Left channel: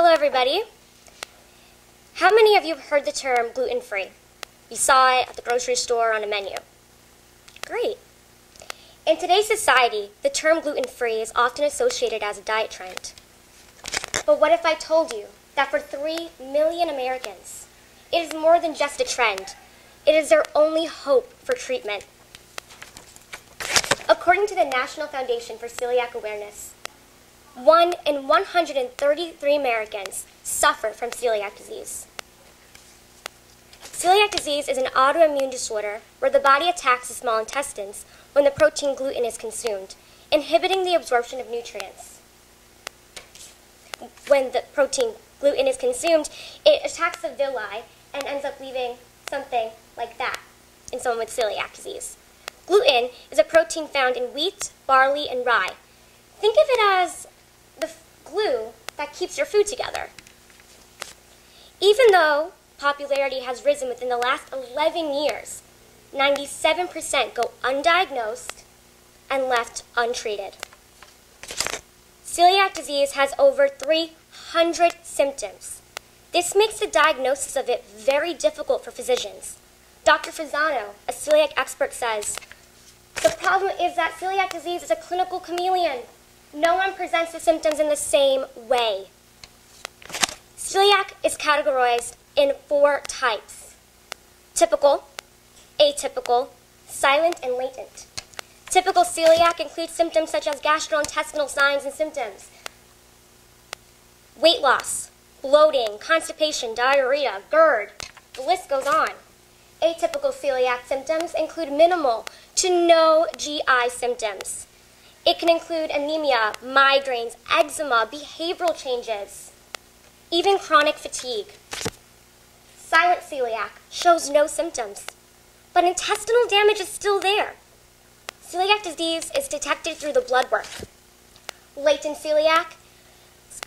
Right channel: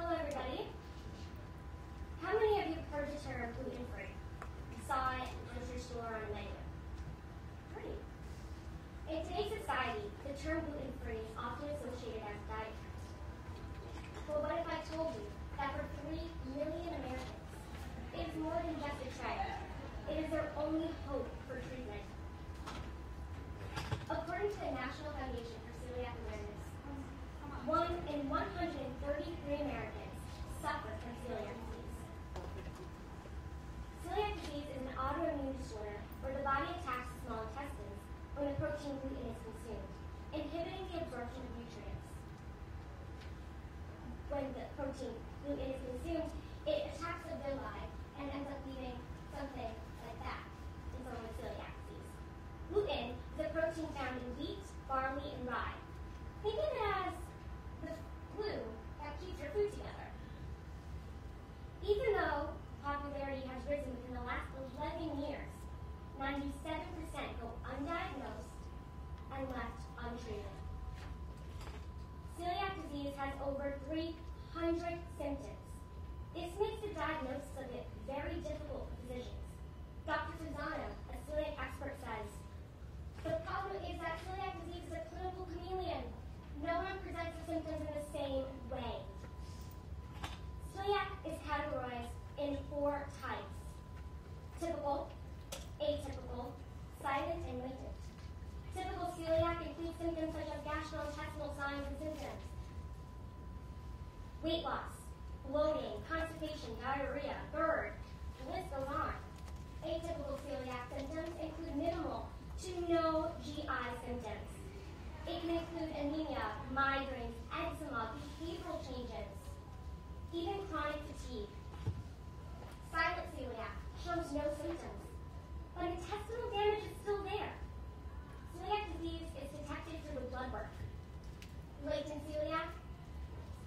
Hello, everybody. How many of you have heard the term gluten-free? You saw it at the grocery store on a menu. Great. In today's society, the term gluten-free is often associated as a diet trend. But what if I told you that for 3 million Americans, it is more than just a trend. It is their only hope for treatment. According to the National Foundation for Celiac Awareness, 1 in 133 Americans suffer from celiac disease. Celiac disease is an autoimmune disorder where the body attacks the small intestines when the protein gluten is consumed, inhibiting the absorption of nutrients. When the protein gluten is consumed, it attacks the villi and ends up leaving something like that in someone with celiac disease. Gluten is a protein found in wheat, barley, and rye. Think of it as the glue that keeps your food together. Even though popularity has risen within the last 11 years, 97% go undiagnosed and left untreated. Celiac disease has over 300 symptoms. This makes the diagnosis of it very difficult for physicians. Dr. Fasano, a celiac expert, says, "The problem is that celiac disease is a clinical chameleon. No one presents the symptoms in the same way." Celiac is categorized in 4 types: typical, atypical, silent, and latent. Typical celiac includes symptoms such as gastrointestinal signs and symptoms, weight loss, bloating, constipation, diarrhea, GERD, the list goes on. Atypical celiac symptoms include minimal to no GI symptoms. It can include anemia, migraines, eczema, behavioral changes, even chronic fatigue. Silent celiac shows no symptoms, but intestinal damage is still there. Celiac disease is detected through the blood work. Latent celiac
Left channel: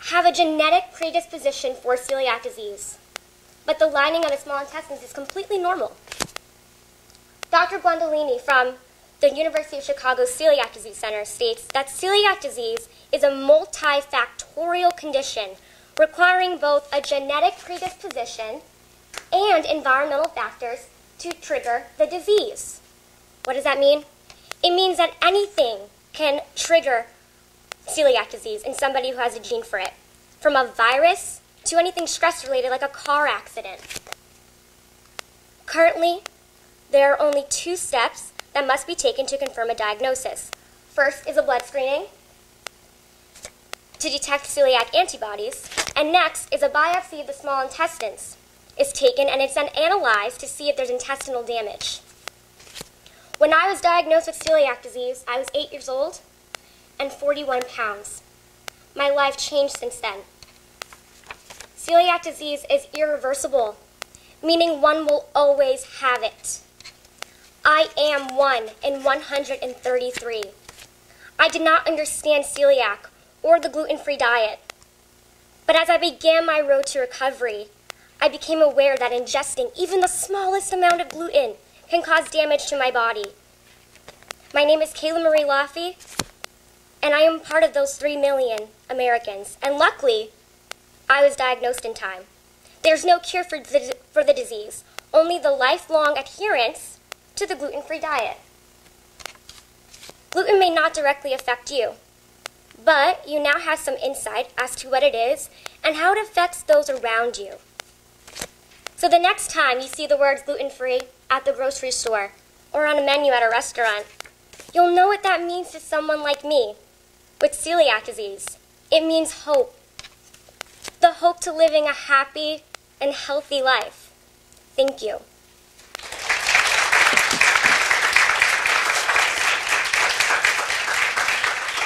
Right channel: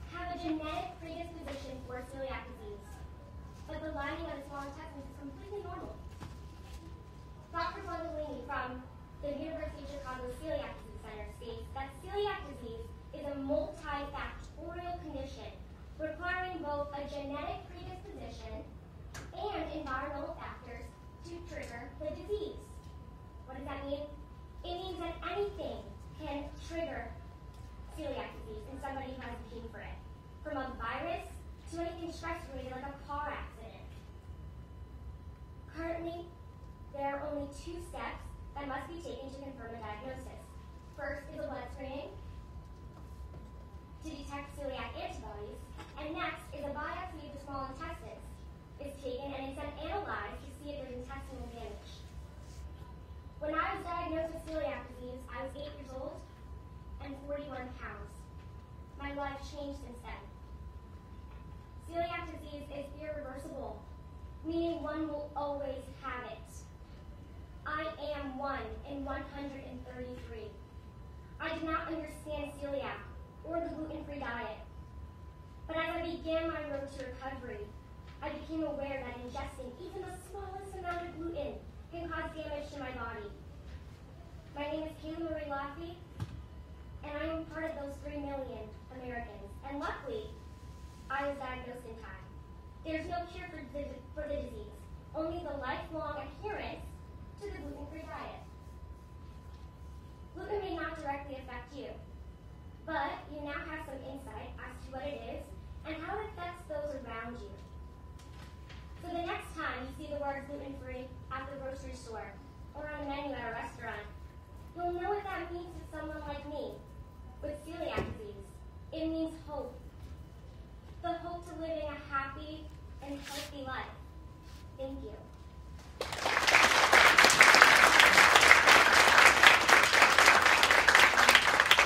have a genetic predisposition for celiac disease, but the lining of the small intestines is completely normal. Dr. Guandolini from the University of Chicago Celiac Disease Center states that celiac disease is a multifactorial condition requiring both a genetic predisposition and environmental factors to trigger the disease. What does that mean? It means that anything can trigger celiac disease in somebody who has a gene for it, from a virus to anything stress-related like a car accident. Currently, there are only 2 steps that must be taken to confirm a diagnosis. First is a blood screening to detect celiac antibodies, and next is a biopsy of the small intestines is taken, and it's then analyzed to see if there's intestinal damage. When I was diagnosed with celiac disease, I was 8 years old and 41 pounds. My life changed since then. Celiac disease is irreversible, meaning one will always have it. I am 1 in 133. I did not understand celiac or the gluten-free diet. But as I began my road to recovery, I became aware that ingesting even the smallest amount of gluten can cause damage to my body. My name is Kayla Marie Laffey, and I am part of those 3 million Americans. And luckily, I was diagnosed in time. There's no cure for the disease, only the lifelong adherence to the gluten-free diet. Gluten may not directly affect you, but you now have some insight as to what it is and how it affects those around you. So the next time you see the words gluten-free at the grocery store or on a menu at a restaurant, you'll know what that means to someone like me with celiac disease. It means hope. The hope to living a happy and healthy life. Thank you.